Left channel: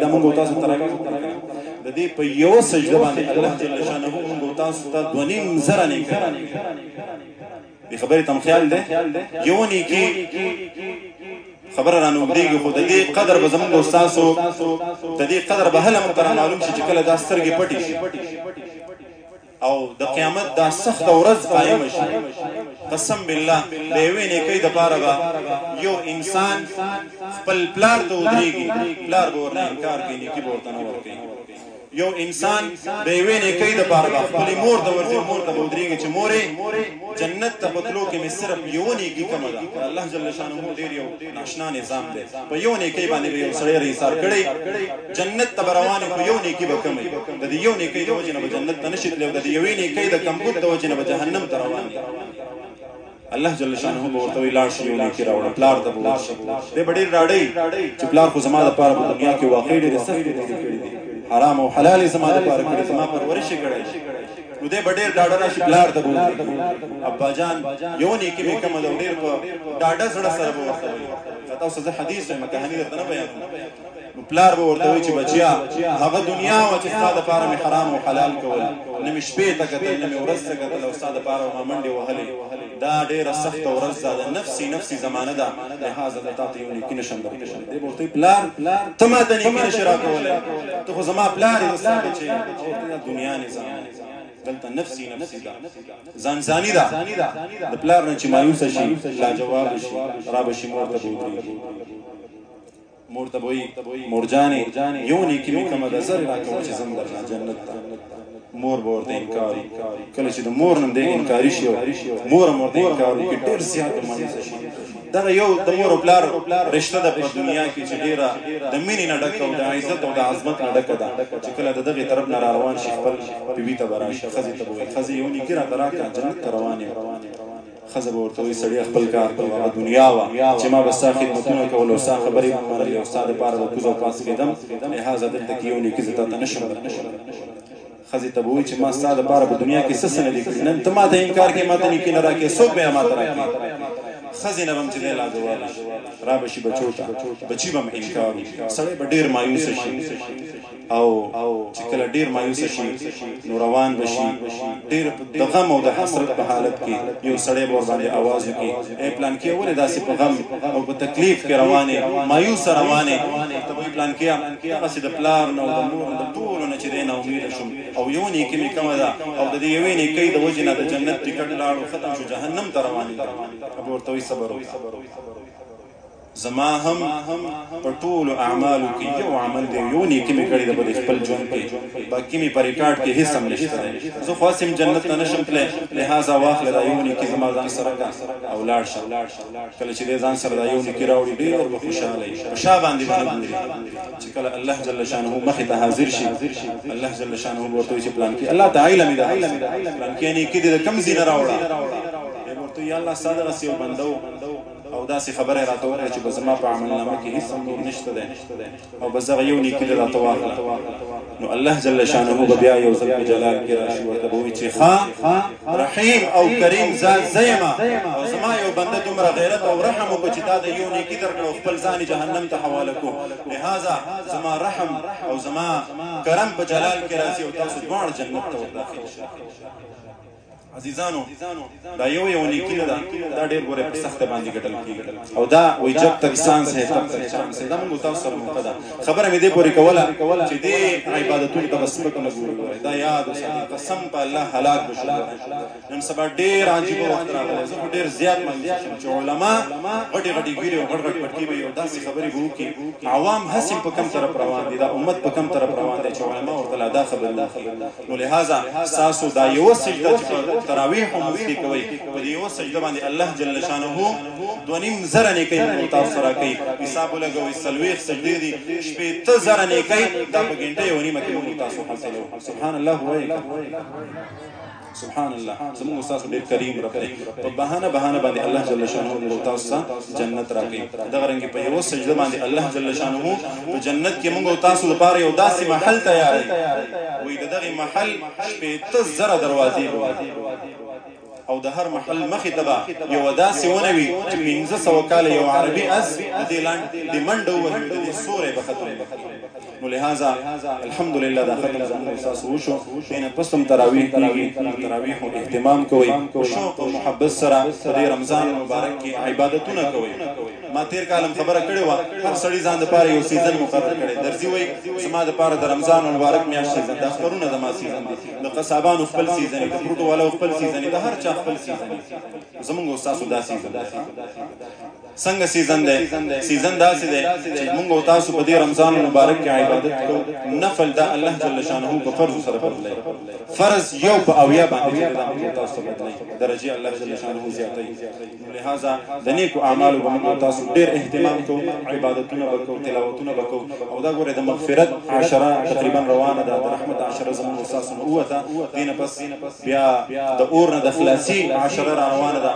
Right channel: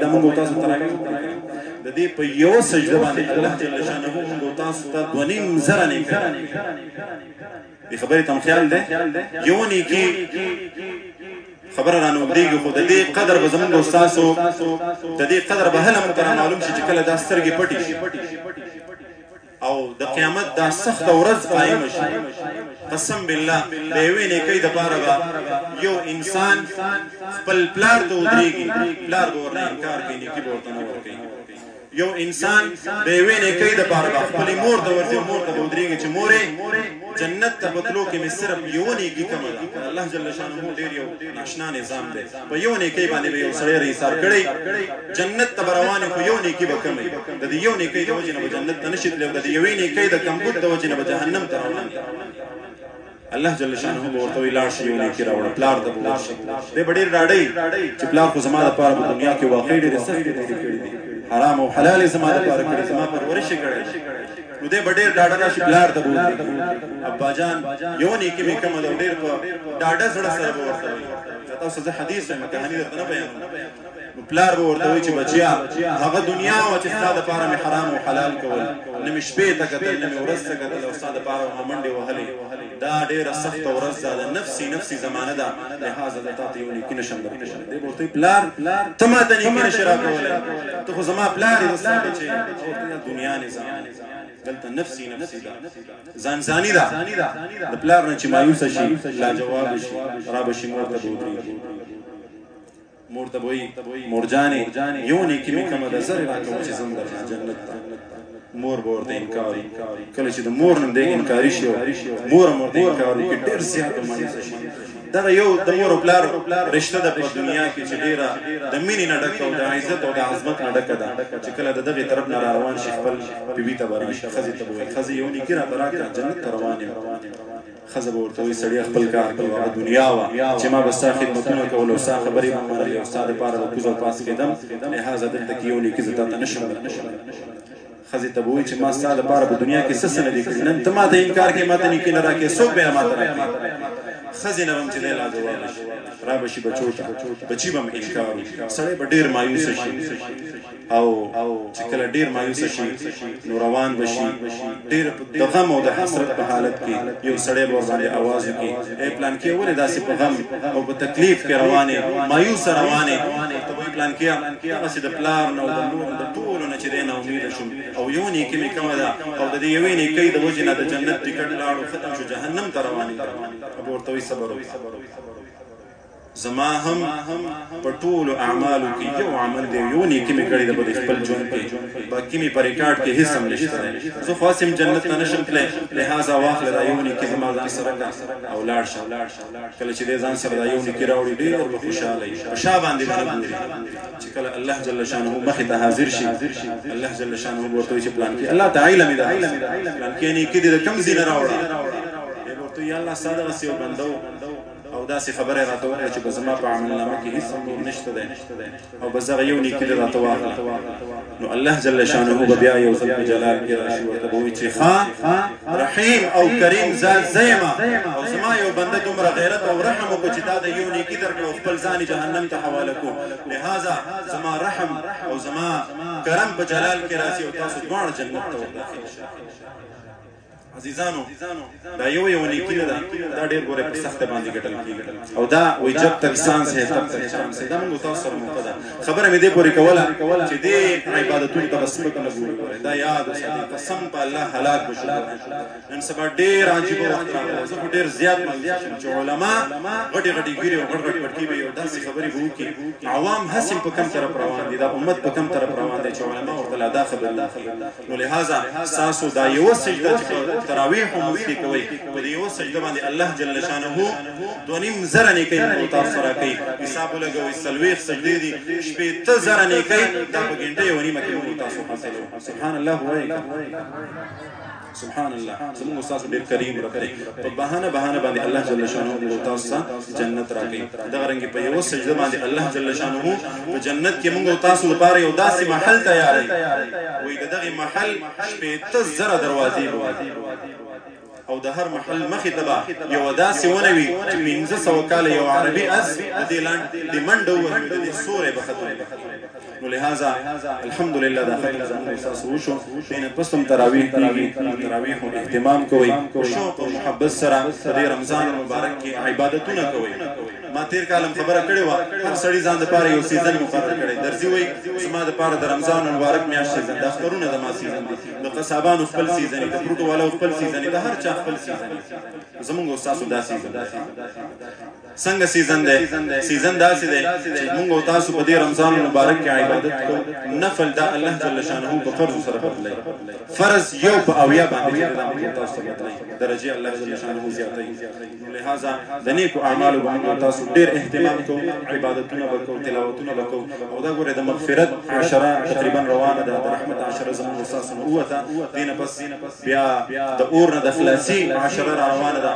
دا مونږ تاسو ته راغلو د دې په یو سجده باندې الله جل شانه مونږ تاسو ته 2.5 زره نه کړی دې خبرې ته خیال دی یو نه کې خبر را نوږدېږي خو د دې قدر به زمونږ استادو د دې قدر به هله مونږ ته معلوم شي چې کله دا سترګې پټې شي او د قیامت دا سخت ورځ قائم شي قسم بالله د یوې نیکۍ دپاره به یو انسان خپل پلار ته ودرېږي پلار به ورنه انکار کوي نیکي به ورته نه ورکوي یو انسان د یوې نیکۍ دپاره به خپلې مور ته ورځي مور ته به ودرېږي چې مورې جنت ته په تلو کې مې صرف یو نیکي کمه ده الله جل شانه ډېر یو ناشنا نظام دی په یو نیکۍ باندې به یو سړی حساب کړی جنت ته به روان خو یو نیکي به کموي د دې یو نیکۍ د وجې نه به جنت ته نشي تللی او د یوې نیکۍ د کمبود د وجې نه به جهنم ته روان دی الله جل شانه به ورته وایي لاړ شي یو نیکي راوړه پلار ته به ورشي دی به ډېر ډاډی چې پلار خو زما دپاره په دنیا کې واقعي ډېرې سختې تېرې کړي دي حرام او حلال یې زما دپاره کړي زما پرورش یې کړی نو دی به ډېر ډاډه راشي پلار ته به ودرېږي اباجان یو نیکي مې کمه ده او ډېر په ډاډه زړه سره به ورته وایي تاسو زه حدیث وایم کهاني درته نه بیانوم نو پلار به ورته وایي چې بچیا هغه دنیا وه چې ستا دپاره مې حرام او حلال کول نه مې شپې ته کتل نه مې ورځ ته کتل او ستا دپاره ما منډې وهلې دا ډېره سخته ورځ ده د نفسي زمانه ده لهذا د تا ته یو نیکي نشم درکولی دی به ورته وایي پلار ته ما ته نیکي نشې راکولی ته خو زما پلار یې د ستا بچی دنیا نظام دلته نفسي ده ځانځاني ده د پلار نه چې مایوسه شي لاجواب شي را به شي مور ته به ودرېږي مور ته به وایي مورجانې یو نیکي مې کمه ده زر یې راکوه چې ځم درنه جنت ته مور به ورته انکار کله چې د مور نه دی انکاري شي مور هم ورته انکار وکړي ډېر زیات مایوسه شي دغه یو د مور او پلار رشته ده په دنیا کې چې ډېره د مینې نه ډکه او د عزت او د عظمت نه ډکه ده چې کله د دغې طرف نه را روان شي خپل بیبي ته به راشي ښځې ته به وایي ښځې یو نیکي راته راکړه جنت ته روان یم ښځه به ورته وایي سړیه خپل کار کوه هغه دنیا وه چې ما به ستا خدمتونه کول او ستا خبرې به منلې او ستا دپاره به کوز او پاس کېدم لهذا دلته کې یو نیکي زه تا ته نشم ښځې ته به وایي چې ما ستا دپاره په دنیا کې څه څه نه دي کړي نن ته ما ته انکار کوې ما ته نیکي نه راکړې څوک به یې ما ته راکړي ښځې نه به هم چې دی لاجواب شي را به شي بچو ته بچي به هم انکار وکړي سړی به ډېر مایوسه شي او چې کله ډېر مایوسه شي نو روان به شي ډېر د غم او د حسرت په حالت کې یو سړی به ورباندې اواز وکړي ای پلانکې ولې داسې په غم او په تکلیف کې روانې مایوسه روانې ورته وایي پلانکیه هغسې د پلار نه او د مور د ټولو نه چې دی ناامیده شوم او یو نیکي مې کمه ده او د دې یوې نیکۍ د وجې نه د جنت ټکټ لاړو ختم شو جهنم ته روانې اب ورته وایي صبر زما هم په ټولو اعمالو کې یو عمل دی یو نیکي مې کړې ده په خپل ژوند کې باقي مې په ریکارډ کې هېڅ هم نشته دی زه خو هسې جنت ته نشم تللی لهذا واخله دا یو نیکي زما ځان سره کړه او لاړ شه کله چې دی ځان سره دا یو نیکي راوړي ډېر به خوشحاله وي په شا باندې به نه ګوري چې کله الله جل شانه مخې ته حاضر شي الله جل شانه به ورته وایي چې پلانکي الله ته علم یې ده پلانکي نیکي دې د کوم ځای نه راوړه دی به ورته وایي یا الله ستا دغسې یو بنده او داسې خبره یې راته وکړه چې به زما په عملنامه کې هېڅ هم نور نشته دی او بس دغه یو نیکي دې راته واخله نو الله جل شانه به بیا یو ځل په جلال کې راشي ورته به وایي چې ښه رحیم او کریم ذات زه یم او زما یو بنده دومره غیرت او رحم وکړو چې تا د یو نیکي درکړه او خپل ځان یې جهنم ته حواله کړو لهذا زما رحم او زما کرم په جلال کې راځي او تاسو دواړه جنت ته ورداخل شئ عزیزانو دا یو نیکی نه ده دا ډېر ګوره په سخته باندې ګټل کېږي او دا وایي جب تک سانس ہے تب تک چانس ہے دا موږ تاسو سره موقع ده خبره مې دې پورې کوله چې دې عبادتونو ته به سپک نه ګورو دا یاد وساتئ قسم په الله هلاک به شو نن سبا ډېر عجیبه وخت راغلی زه خو ډېر زیات مایوسه شم چې علما غټې ګیرې او غټ پټکي به یو داسې خبرې به وکړي عوام هسې په کم طرف روان دي دا امت په کم طرف روان دی چې علما ورته لا دا خبرې وکړي نو لهذا ستاسو دا یوه سجده چې تراویح هم وختي کوئ په دې یوه سجده باندې الله جل شانه 2.5 زره نیکۍ موږ تاسو سره کوي حساب ولګوئ 40 سجدې دي 15 زره نیکۍ دا په ګنټه یو نیمه کې موږ تاسو حاصلوو سبحان الله وایي سبحان الله زموږ استاد ډېر کریم رب دی په بهانه باندې الله جل شانه موږ تاسو ته جنت راکوي دغه رنګې په یوه سجده باندې الله جل شانه په جنت کې موږ تاسو لپاره یو داسې محل تیاروي وایي د دغې محل 15 زره دروازې به او د هر محل مخې ته به یوه داسې ونه وي چې 1500 کاله یو عربي اس د دې لاندې د منډه ووهي د دې سوری به ختم نو لہذا الحمدلله دا ختم زمون احساس وشو دین پسم تراویح کیږي تراویح او اهتمام کوي او شوق او محبت سره د رمضان مبارک کې عبادتونه کوي ما تیر کالم خبره کړې و هر سړي ځان د پاره یو سیزن مقرر کړي درځي وای سما د پاره د رمضان مبارک میاشت سیزن د اخترونه د ما سیزن دي د قصابانو خپل سیزن دي د پروتو والا خپل سیزن دي د هر چا خپل سیزن دي زمونږ استاد دا سیزن څنګه سیزن دی سیزن داسې دی چې موږ تاسو په دې رمضان مبارک کې عبادت کوو نفل دا الله جل شانه په فرض سره بدلای فرض یو په اویا باندې دا تاسو بدلای درجه الله جل شانه زیاتای لہذا د نیکو اعمالو باندې تاسو ډیر اهتمام کوو عبادتونه وکړو تلاوتونه وکړو او دا ګوره د مغفرت عشره تقریبا روانه ده د رحمت عشره زموږ استاد نو وته دینه پس بیا د اور نه د خلاصي عشره روانه ده